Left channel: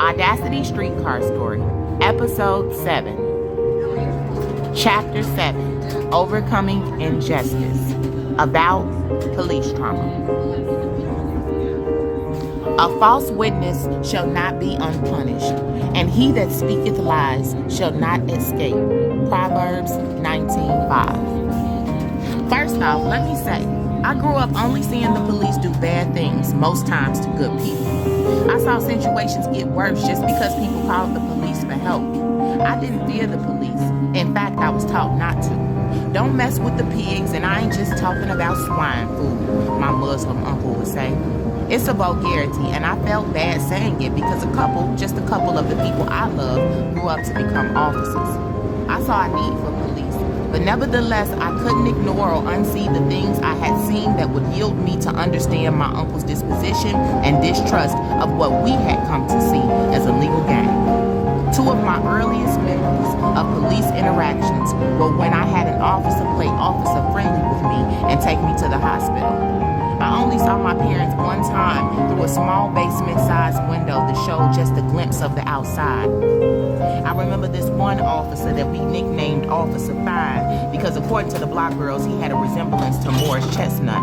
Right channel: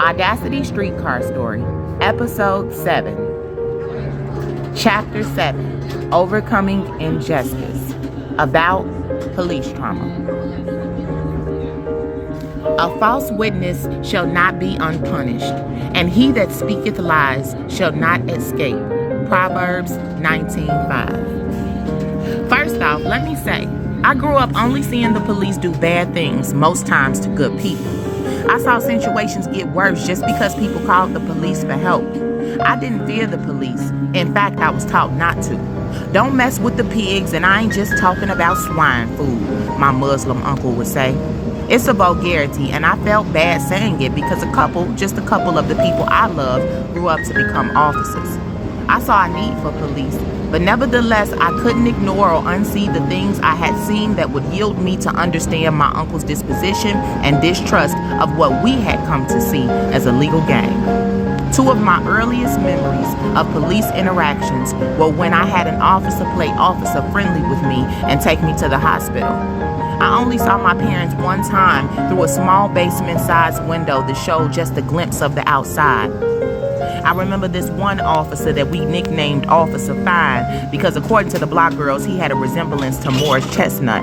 Audacity Streetcar Story, Episode 7, Chapter 7, Overcoming Injustice, About Police Trauma. A false witness shall not be unpunished, and he that speaketh lies shall not escape. Proverbs 19:5. First off, let me say, I grew up only seeing the police do bad things, most times to good people. I saw situations get worse just because people called the police for help. I didn't fear the police. In fact, I was taught not to. Don't mess with the pigs, and I ain't just talking about swine food, my Muslim uncle would say. It's a vulgarity, and I felt bad saying it because just a couple of the people I love grew up to become officers. I saw a need for police, but nevertheless, I couldn't ignore or unsee the things I had seen that would yield me to understand my uncle's disposition and distrust of what we had come to see as a legal game. Two of my earliest memories of police interactions were when I had an officer play officer friendly with me and take me to the hospital. I only saw my parents one time through a small basement-sized window that showed just a glimpse of the outside. I remember this one officer that we nicknamed Officer Fine because according to the block girls, he had a resemblance to Morris Chestnut.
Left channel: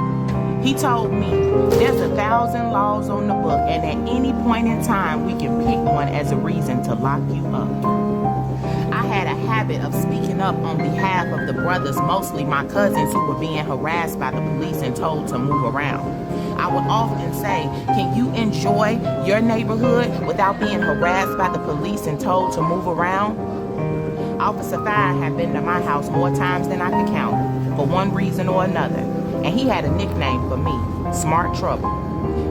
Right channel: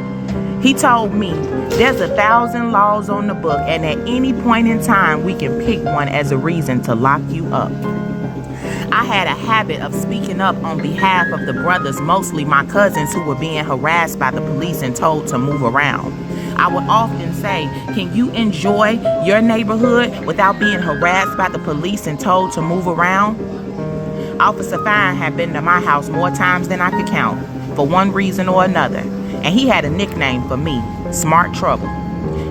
He told me, there's 1,000 laws on the book, and at any point in time, we can pick one as a reason to lock you up. I had a habit of speaking up on behalf of the brothers, mostly my cousins who were being harassed by the police and told to move around. I would often say, can you enjoy your neighborhood without being harassed by the police and told to move around? Officer Fine had been to my house more times than I could count, for one reason or another, and he had a nickname for me, Smart Trouble.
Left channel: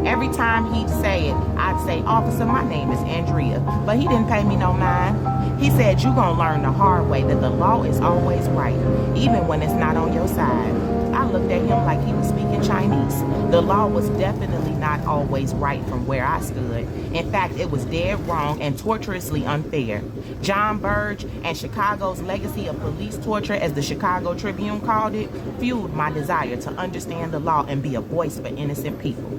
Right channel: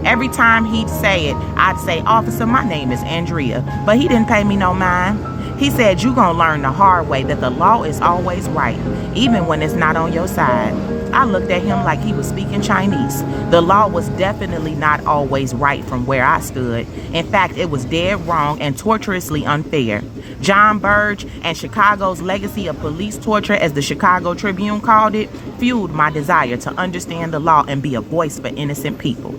Every time he'd say it, I'd say, Officer, my name is Andrea, but he didn't pay me no mind. He said, you gonna learn the hard way that the law is always right, even when it's not on your side. I looked at him like he was speaking Chinese. The law was definitely not always right from where I stood. In fact, it was dead wrong and torturously unfair. John Burge and Chicago's legacy of police torture, as the Chicago Tribune called it, fueled my desire to understand the law and be a voice for innocent people.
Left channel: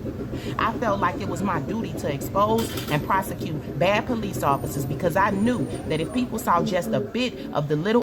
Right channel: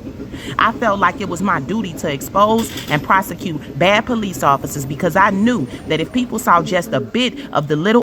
I felt like it was my duty to expose and prosecute bad police officers because I knew that if people saw just a bit of the little